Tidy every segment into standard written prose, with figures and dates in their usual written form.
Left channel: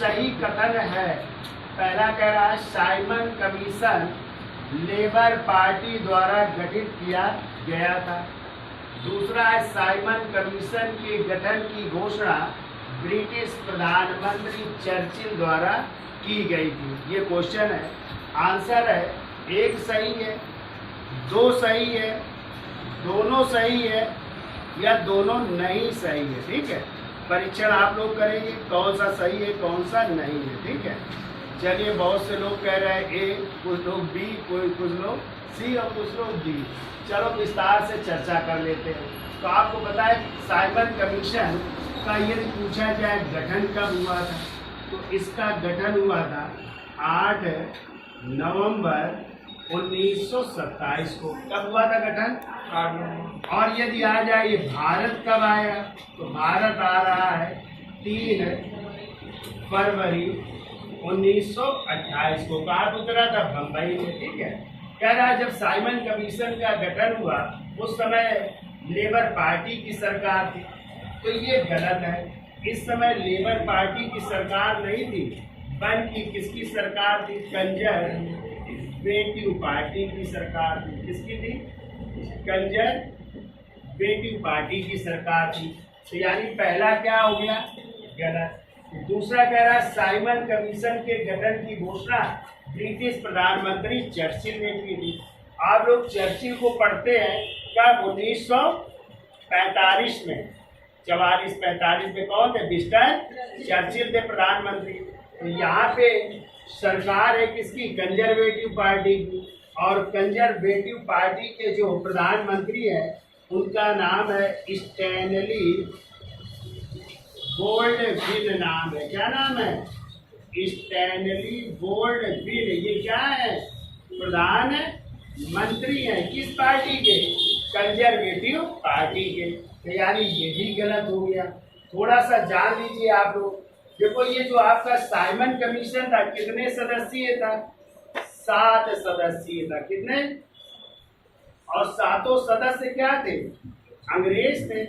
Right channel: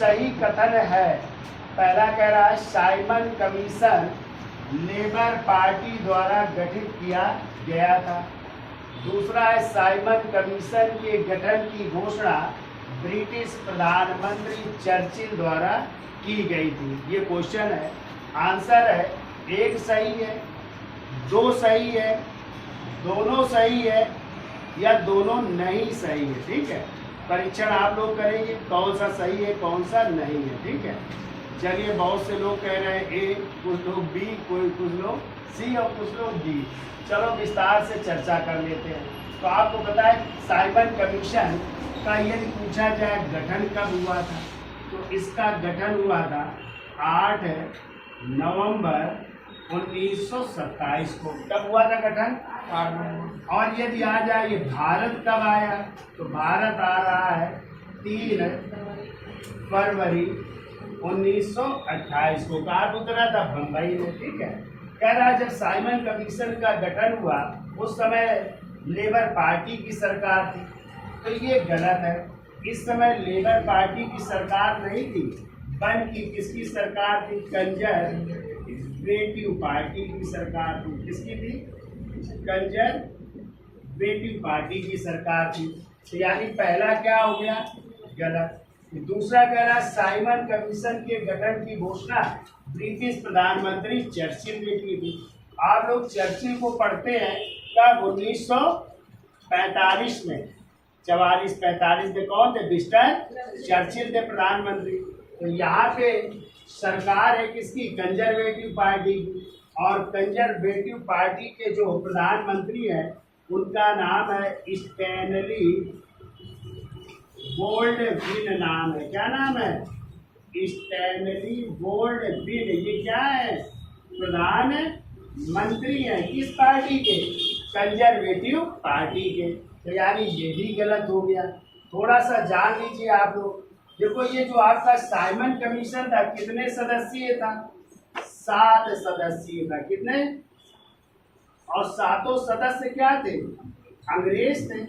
सही कथन है? पहला कह रहा है साइमन कमीशन लेबर पार्टी द्वारा गठित किया गया था। दूसरा है साइमन कमीशन के गठन की घोषणा ब्रिटिश प्रधानमंत्री चर्चिल द्वारा की गई थी। ये क्वेश्चन है। आंसर है एक सही है, दो सही है, दोनों सही है या दोनों नहीं सही है। ठीक है, परीक्षण आप लोग करेंगे कौन सा सही है कौन सा नहीं है। ठीक है, चलिए बहुत से लोग कह रहे हैं ए, कुछ लोग बी, कुछ लोग सी और कुछ लोग डी। चलो विस्तार से चर्चा कर लेते हैं। तो आपको पता है साइमन कमीशन का यदि पूछा जाए गठन कब हुआ था, तो इसका गठन हुआ था 8 नवंबर 1927 को। कब हुआ था गठन? 8 नवंबर। और यदि आ जाए ये भारत कब आया, तो भारत आ रहा है 3 फरवरी 1928 को। कहाँ उतरा था? बम्बई में। ठीक है, कह रहा है जब साइमन कमीशन का गठन हुआ उस समय लेबर पार्टी की सरकार थी, तो ये गलत है। इस समय लेबर पार्टी की सरकार नहीं थी, बल्कि किसकी सरकार थी? कंजरवेटिव पार्टी की सरकार थी। किसकी थी? कंजरवेटिव पार्टी की सरकार थी। तो यानी पहला क्या हो गया? गलत। दूसरा कह रहा है साइमन कमीशन के गठन की घोषणा ब्रिटिश प्रधानमंत्री चर्चिल ने की थी। आप लोग चर्चिल को पढ़ते हैं कब? 1945 में। 44-45 में कौन थे? विंस्टन चर्चिल थे प्रधानमंत्री। तो यहाँ पे सरकार है किसकी? कंजर्वेटिव पार्टी की। और कंजर्वेटिव पार्टी के जो प्रधानमंत्री हैं उनका नाम है स्टैनली गोल्डविन नाम है। क्या नाम है? Stanley Gold Wing. ये क्या है? प्रधानमंत्री है किस पार्टी के? कंजर्वेटिव पार्टी के। तो यानी ये भी गलत हो गया। थोड़ा सा जान लीजिए आप लोग। देखो ये जो आपका साइमन कमीशन था कितने सदस्यीय था? 7 सदस्यीय था। कितने? और 7 सदस्य क्या थे? अंग्रेज थे।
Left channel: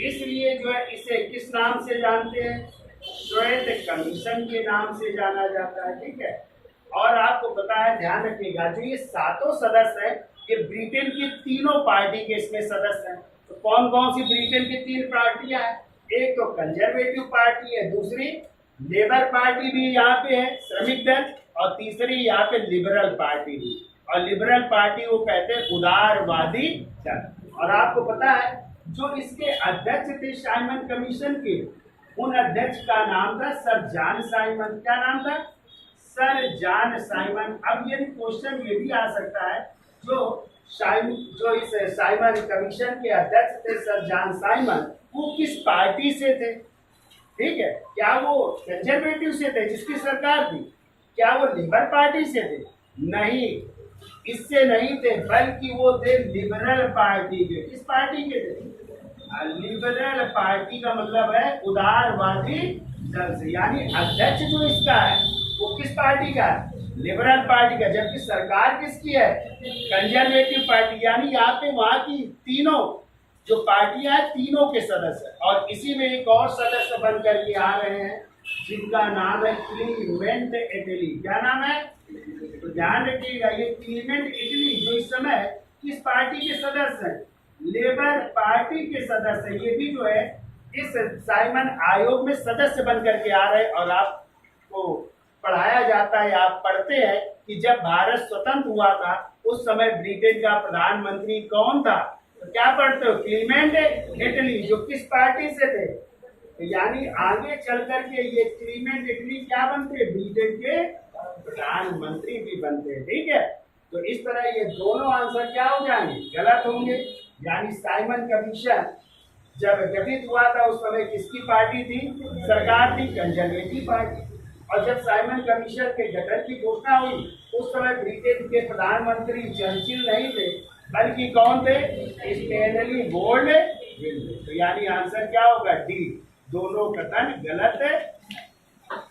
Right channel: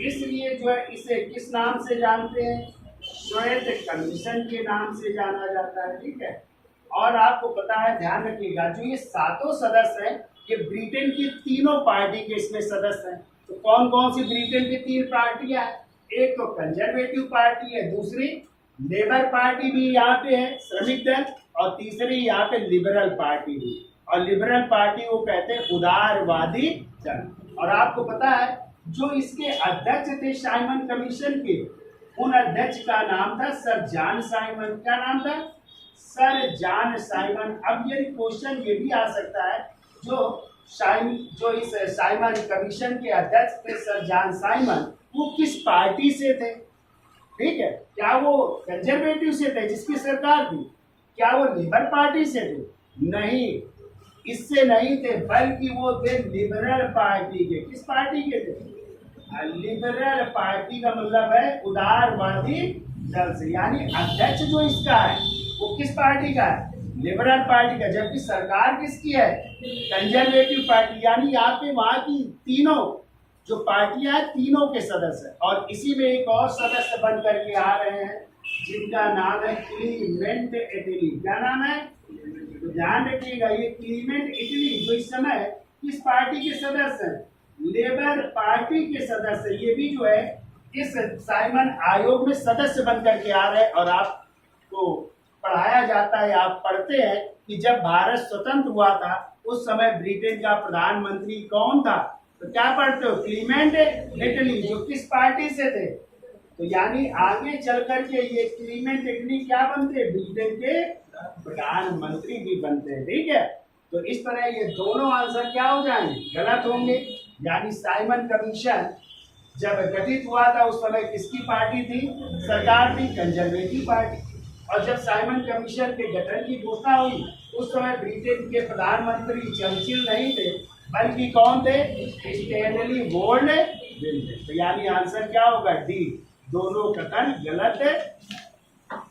इसलिए जो है इसे किस नाम से जानते हैं? श्वेत कमीशन के नाम से जाना जाता है। ठीक है, और आपको पता है, ध्यान रखिएगा, जो ये 7 सदस्य हैं ये ब्रिटेन की तीनों पार्टी के इसमें सदस्य हैं। तो कौन कौन सी ब्रिटेन की 3 पार्टियां हैं? एक तो कंजर्वेटिव पार्टी है, दूसरी लेबर पार्टी भी यहाँ पे है, श्रमिक दल, और तीसरी यहाँ पे लिबरल पार्टी भी। और लिबरल पार्टी वो कहते हैं उदारवादी दल। और आपको पता है जो इसके अध्यक्ष थे साइमन कमीशन के, उन अध्यक्ष का नाम था सर जॉन साइमन। क्या नाम था? Sir John Simon. अब ये क्वेश्चन ये भी आ सकता है जो इस साइमन कमीशन के अध्यक्ष थे सर जॉन साइमन, वो किस पार्टी से थे? ठीक है, क्या वो कंजर्वेटिव से थे जिसकी सरकार थी? क्या वो लेबर पार्टी से थे? नहीं, इससे नहीं थे, बल्कि वो थे लिबरल पार्टी के। किस पार्टी के थे? लिबरल पार्टी का मतलब है उदारवादी दल से। यानी अध्यक्ष जो इसका है वो किस पार्टी का है? लिबरल पार्टी का। जबकि सरकार किसकी है? Conservative party. यानी यहाँ पे वहां की तीनों जो पार्टियां हैं तीनों के सदस्य। और इसी में एक और सदस्य बन करके आ रहे हैं जिनका नाम है क्लीमेंट एटली। क्या नाम है? तो ध्यान रखिएगा, ये क्लीमेंट एटली जो इस समय किस पार्टी के सदस्य हैं? लेबर पार्टी के सदस्य। ये भी जो है इस साइमन आयोग में सदस्य बन करके आ रहे हैं। और आपको पढ़ाया जाता है, आप पढ़ते हैं कि जब भारत स्वतंत्र हुआ था उस समय ब्रिटेन का प्रधानमंत्री कौन था? तो क्या पढ़ते हो? क्लीमेंट एटली, जो किस पार्टी से थे? तो यानी आगे चल करके ये क्लीमेंट एटली क्या बनते हैं? ब्रिटेन के प्रधानमंत्री भी बनते हैं। ठीक है, तो इस तरह ये दोनों आंसर क्या हो जाएंगे? गलत होंगे। यानी साइमन कमीशन जब गठित हुआ था उस समय किसकी पार्टी थी? सरकार थी कंजर्वेटिव पार्टी। और जब साइमन कमीशन के गठन की घोषणा हुई उस समय ब्रिटेन के प्रधानमंत्री चर्चिल नहीं थे, बल्कि कौन थे? स्टैनली गोल्डविन थे। तो यानी आंसर क्या होगा? डी। दोनों कथन गलत है।